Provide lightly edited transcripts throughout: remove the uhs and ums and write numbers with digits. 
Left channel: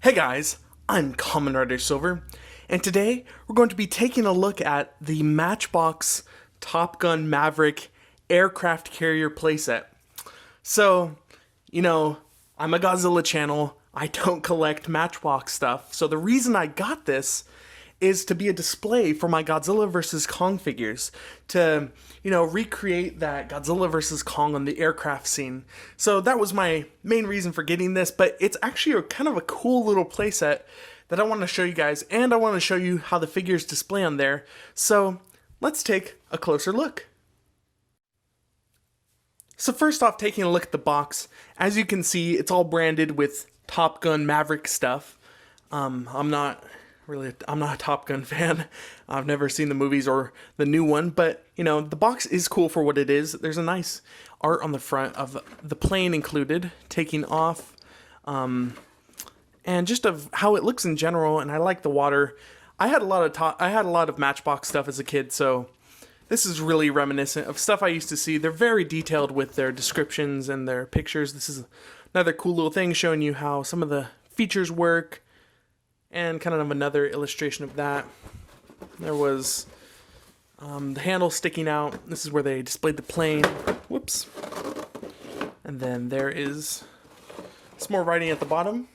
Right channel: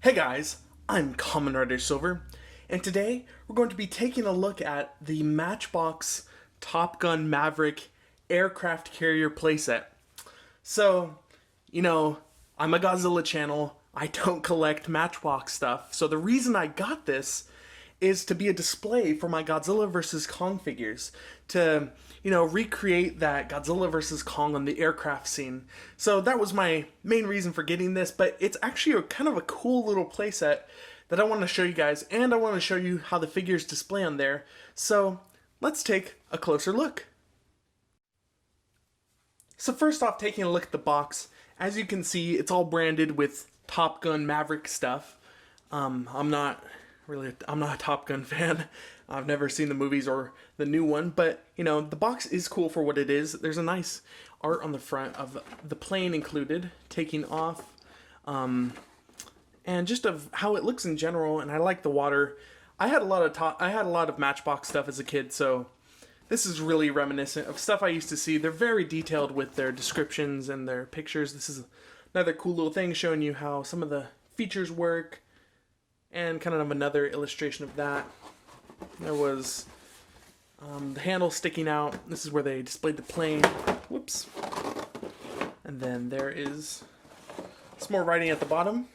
Hey guys, I'm Kamen Rider Silver, and today we're going to be taking a look at the Matchbox Top Gun Maverick aircraft carrier playset. So, you know, I'm a Godzilla channel. I don't collect Matchbox stuff. So the reason I got this is to be a display for my Godzilla vs. Kong figures to, recreate that Godzilla vs. Kong on the aircraft scene. So that was my main reason for getting this, but it's actually a kind of a cool little playset that I want to show you guys, and I want to show you how the figures display on there. So let's take a closer look. So first off, taking a look at the box, as you can see, it's all branded with Top Gun Maverick stuff. I'm not a Top Gun fan. I've never seen the movies or the new one, but the box is cool for what it is. There's a nice art on the front of the plane included, taking off, and just of how it looks in general. And I like the water. I had a lot of Matchbox stuff as a kid, so this is really reminiscent of stuff I used to see. They're very detailed with their descriptions and their pictures. This is another cool little thing showing you how some of the features work, and kind of another illustration of that. There was the handle sticking out. This is where they displayed the plane. Whoops. And then there is some more writing at the bottom.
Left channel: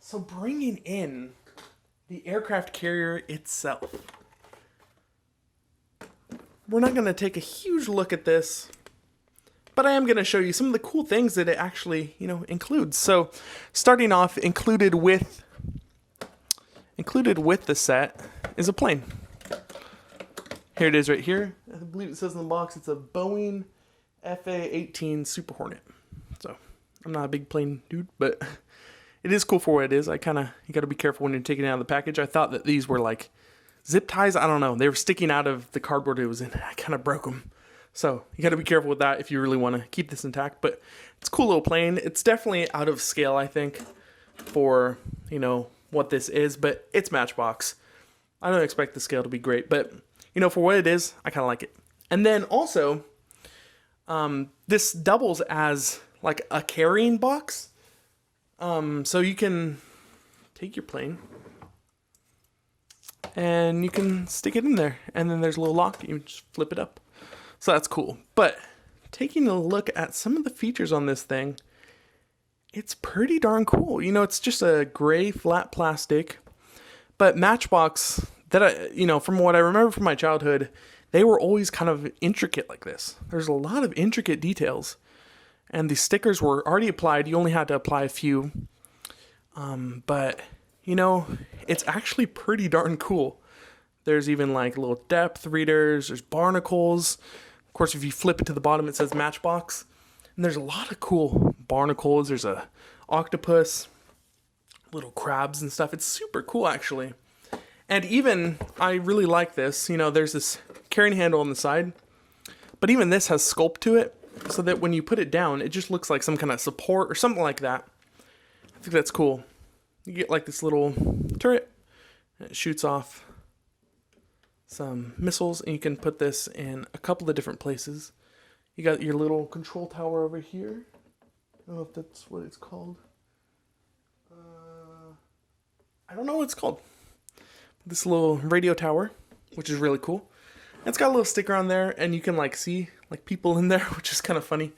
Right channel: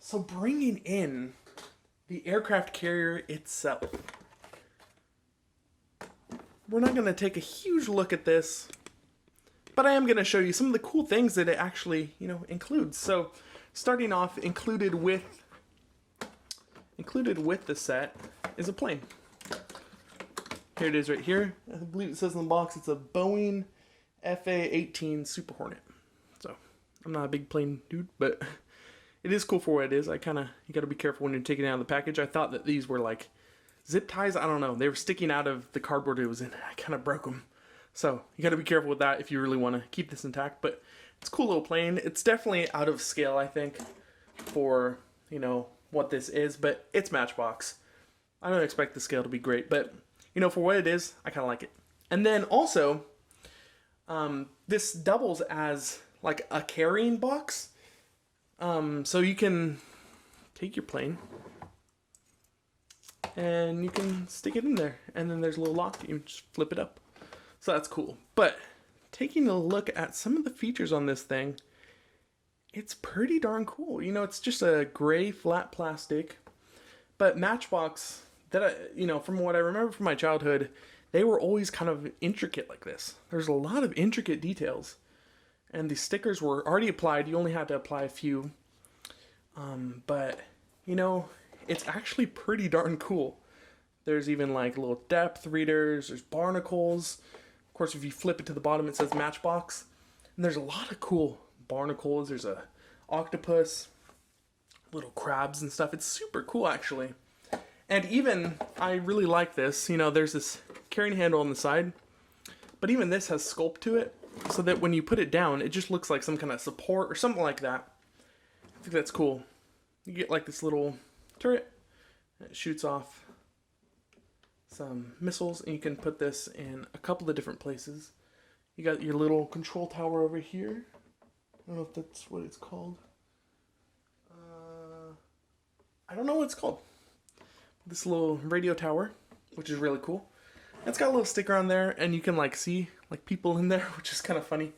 So bringing in the aircraft carrier itself. We're not going to take a huge look at this, but I am going to show you some of the cool things that it actually, includes. So starting off, included with the set is a plane. Here it is right here. I believe it says in the box it's a Boeing FA-18 Super Hornet. So I'm not a big plane dude, but it is cool for what it is. You got to be careful when you're taking it out of the package. I thought that these were like zip ties. I don't know. They were sticking out of the cardboard it was in. I kind of broke them. So you got to be careful with that if you really want to keep this intact. But it's a cool little plane. It's definitely out of scale, I think, for, what this is. But it's Matchbox. I don't expect the scale to be great. But, for what it is, I kind of like it. And then also, this doubles as like a carrying box. So you can take your plane and you can stick it in there, and then there's a little lock. You just flip it up. So that's cool. But taking a look at some of the features on this thing, it's pretty darn cool. It's just a gray flat plastic, but Matchbox, that from what I remember from my childhood, they were always kind of intricate like this. There's a lot of intricate details, and the stickers were already applied. You only had to apply a few, but it's actually pretty darn cool. There's even like little depth readers. There's barnacles. Of course, if you flip it to the bottom, it says Matchbox. And there's a lot of cool barnacles. There's a octopus, little crabs and stuff. It's super cool, actually. And even, I really like this. There's this carrying handle on the side, but even this has sculpt to it, so that when you put it down, it just looks like some kind of support or something like that. I think that's cool. You get like this little turret, and it shoots off some missiles, and you can put this in a couple of different places. You got your little control tower over here. I don't know if that's what it's called. I don't know what it's called. This little radio tower, which is really cool. It's got a little sticker on there, and you can like see like people in there, which is kind of funny.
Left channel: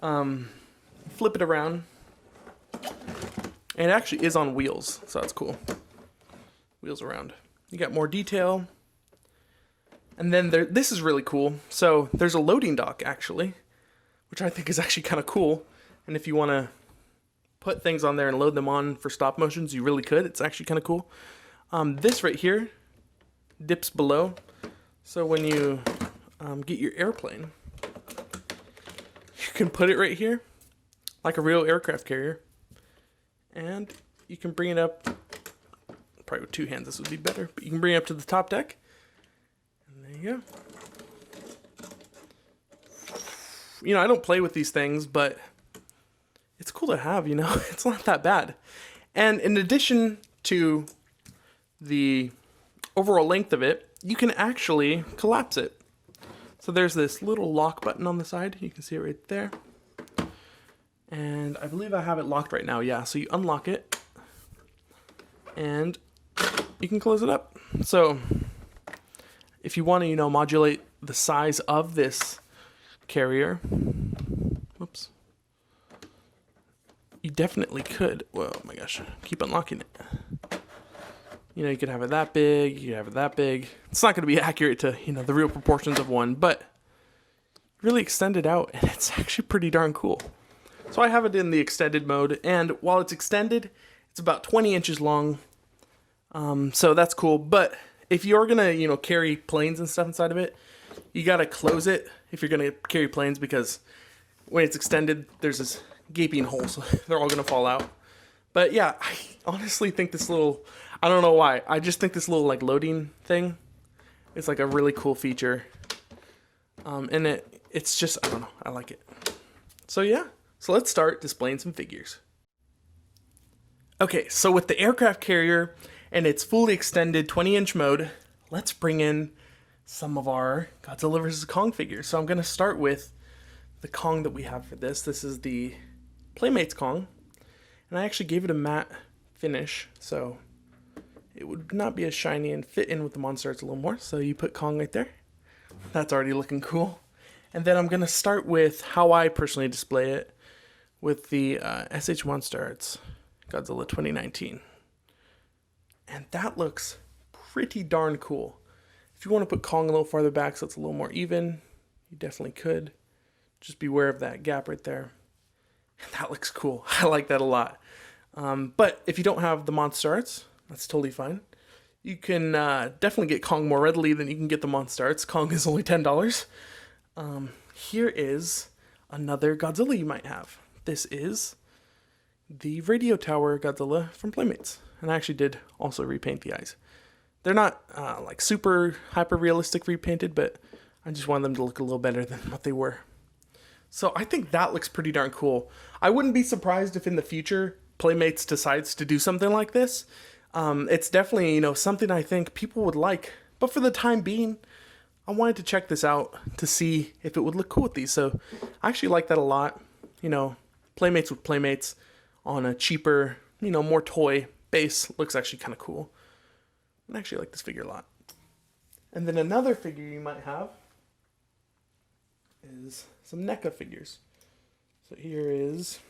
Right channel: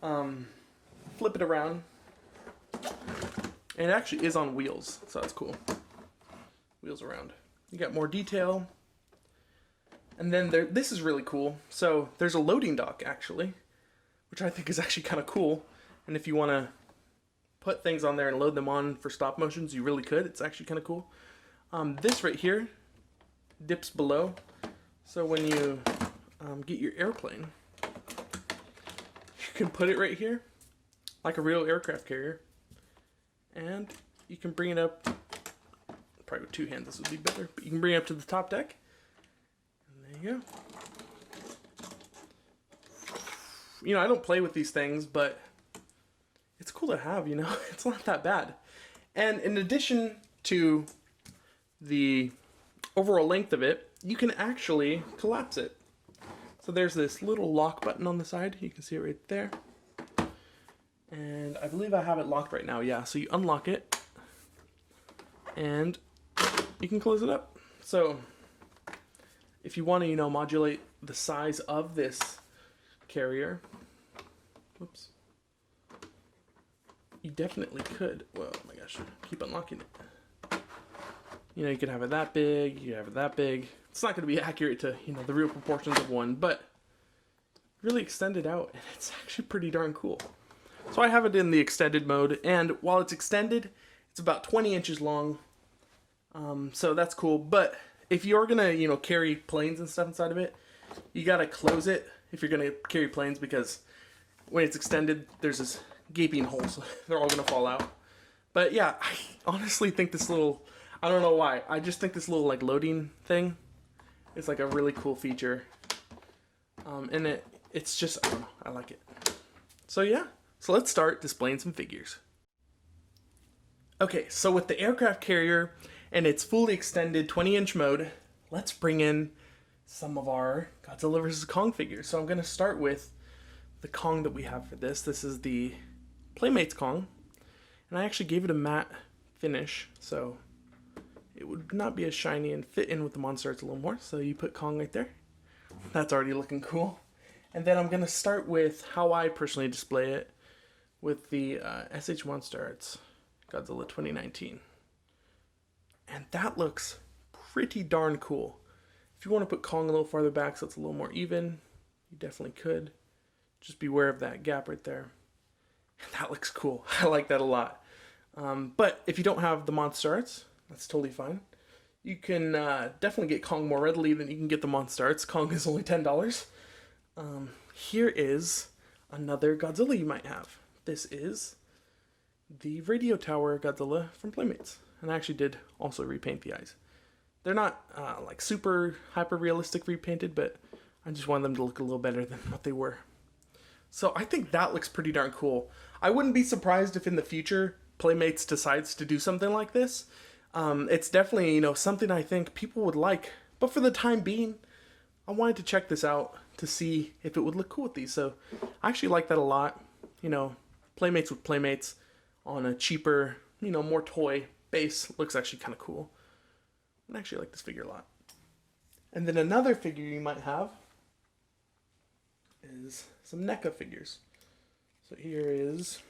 Flip it around, and it actually is on wheels, so that's cool. Wheels around. You got more detail. And then this is really cool. So there's a loading dock, actually, which I think is actually kind of cool. And if you want to put things on there and load them on for stop motions, you really could. It's actually kind of cool. This right here dips below. So when you get your airplane, you can put it right here like a real aircraft carrier. And you can bring it up, probably with two hands this would be better, but you can bring it up to the top deck. And there you go. I don't play with these things, but it's cool to have, It's not that bad. And in addition to the overall length of it, you can actually collapse it. So there's this little lock button on the side. You can see it right there. And I believe I have it locked right now. Yeah, so you unlock it and you can close it up. So if you want to, modulate the size of this carrier, whoops, you definitely could. Whoa, oh my gosh, keep unlocking it. You could have it that big, you could have it that big. It's not going to be accurate to, the real proportions of one, but really extend it out, and it's actually pretty darn cool. So I have it in the extended mode, and while it's extended, it's about 20 inches long. So that's cool, but if you're going to, carry planes and stuff inside of it, you got to close it if you're going to carry planes, because when it's extended, there's this gaping hole, so they're all going to fall out. But yeah, I honestly think this little, I don't know why, I just think this little like loading thing is like a really cool feature. And it's just, I don't know, I like it. So yeah, so let's start displaying some figures. Okay, so with the aircraft carrier and its fully extended 20-inch mode, let's bring in some of our Godzilla vs. Kong figures. So I'm going to start with the Kong that we have for this. This is the Playmates Kong, and I actually gave it a matte finish, so it would not be as shiny and fit in with the monster arts a little more. So you put Kong right there. That's already looking cool. And then I'm going to start with how I personally display it with the SH Monster Arts Godzilla 2019. And that looks pretty darn cool. If you want to put Kong a little farther back so it's a little more even, you definitely could. Just beware of that gap right there. That looks cool. I like that a lot. But if you don't have the Monster Arts, that's totally fine. You can definitely get Kong more readily than you can get the Monster Arts. Kong is only $10. Here is another Godzilla you might have. This is the Radio Tower Godzilla from Playmates. And I actually did also repaint the eyes. They're not like super hyper realistic repainted, but I just wanted them to look a little better than what they were. So I think that looks pretty darn cool. I wouldn't be surprised if in the future Playmates decides to do something like this. It's definitely, something I think people would like. But for the time being, I wanted to check this out to see if it would look cool with these. So I actually like that a lot. Playmates with Playmates on a cheaper, more toy base looks actually kind of cool. I actually like this figure a lot. And then another figure you might have is some NECA figures. So here is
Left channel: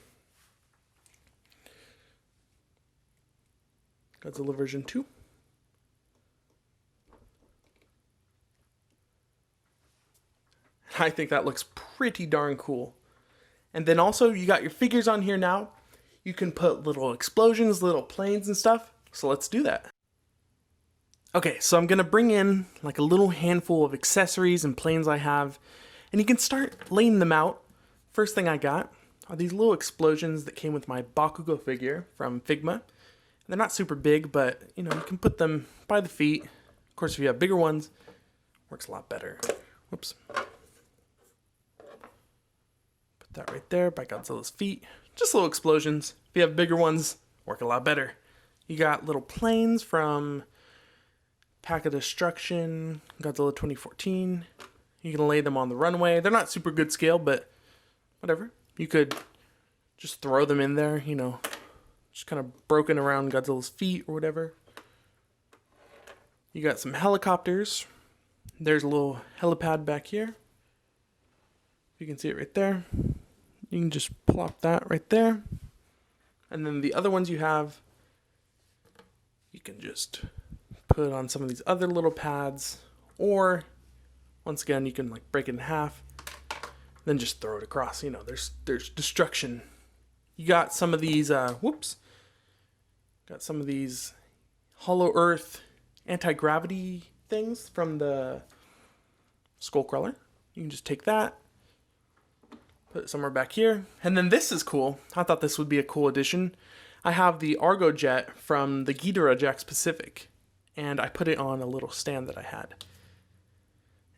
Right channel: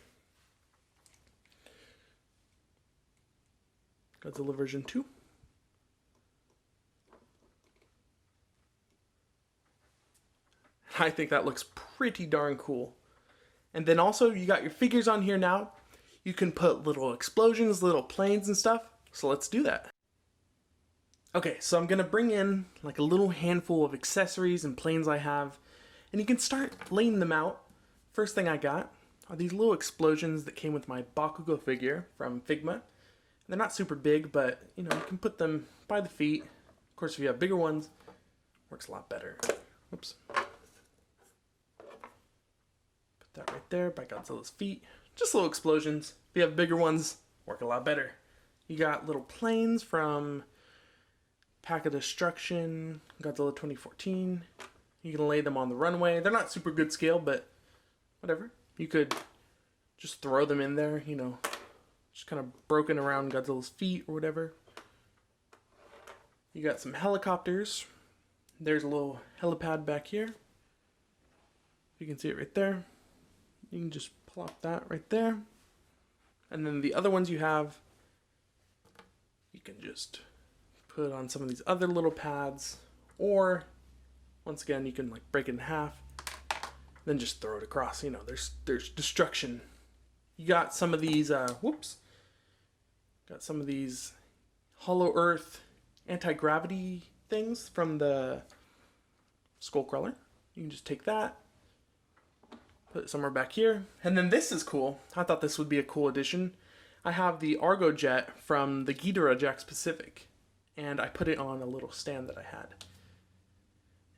Godzilla version 2. I think that looks pretty darn cool. And then also you got your figures on here now. You can put little explosions, little planes and stuff. So let's do that. Okay, so I'm going to bring in like a little handful of accessories and planes I have. And you can start laying them out. First thing I got are these little explosions that came with my Bakugo figure from Figma. They're not super big, but you can put them by the feet. Of course, if you have bigger ones, works a lot better. Whoops. Put that right there by Godzilla's feet. Just little explosions. If you have bigger ones, work a lot better. You got little planes from Pack of Destruction, Godzilla 2014. You can lay them on the runway. They're not super good scale, but whatever. You could just throw them in there, just kind of broken around Godzilla's feet or whatever. You got some helicopters. There's a little helipad back here. You can see it right there. You can just plop that right there. And then the other ones you have, you can just put on some of these other little pads, or once again you can like break it in half, then just throw it across. There's destruction. You got some of these got some of these Hollow Earth anti-gravity things from the Skullcrawler. You can just take that, put it somewhere back here. And then this is cool. I thought this would be a cool addition. I have the Argo Jet from the Ghidorah Jax Pacific, and I put it on a little stand that I had.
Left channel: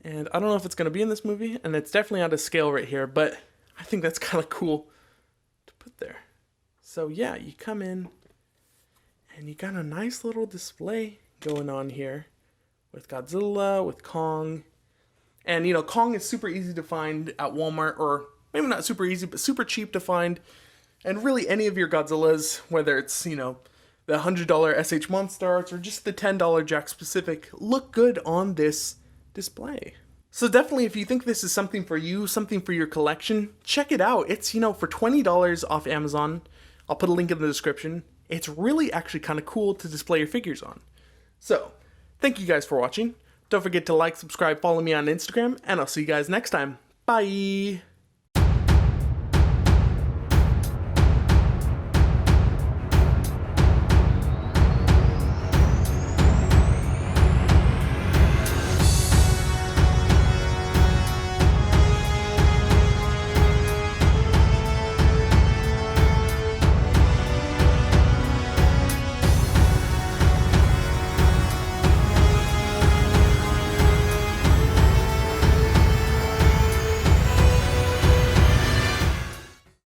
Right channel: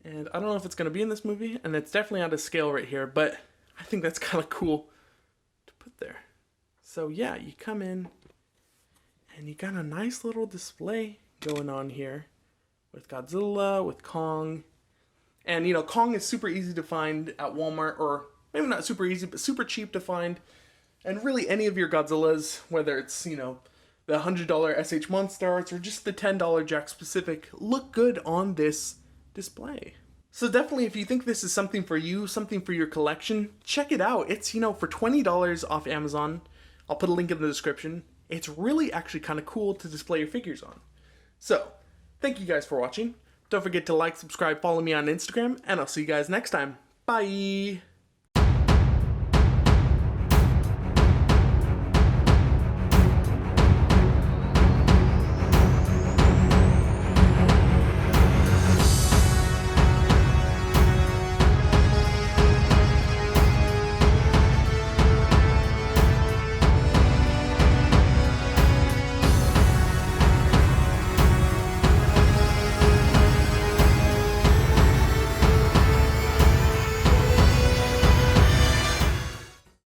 And I don't know if it's going to be in this movie, and it's definitely out of scale right here, but I think that's kind of cool to put there. So yeah, you come in, and you got a nice little display going on here with Godzilla, with Kong. And, Kong is super easy to find at Walmart, or maybe not super easy, but super cheap to find. And really any of your Godzillas, whether it's, the $100 SH Monstars or just the $10 Jack Specific look good on this display. So definitely, if you think this is something for you, something for your collection, check it out. It's, for $20 off Amazon. I'll put a link in the description. It's really actually kind of cool to display your figures on. So, thank you guys for watching. Don't forget to like, subscribe, follow me on Instagram, and I'll see you guys next time. Bye!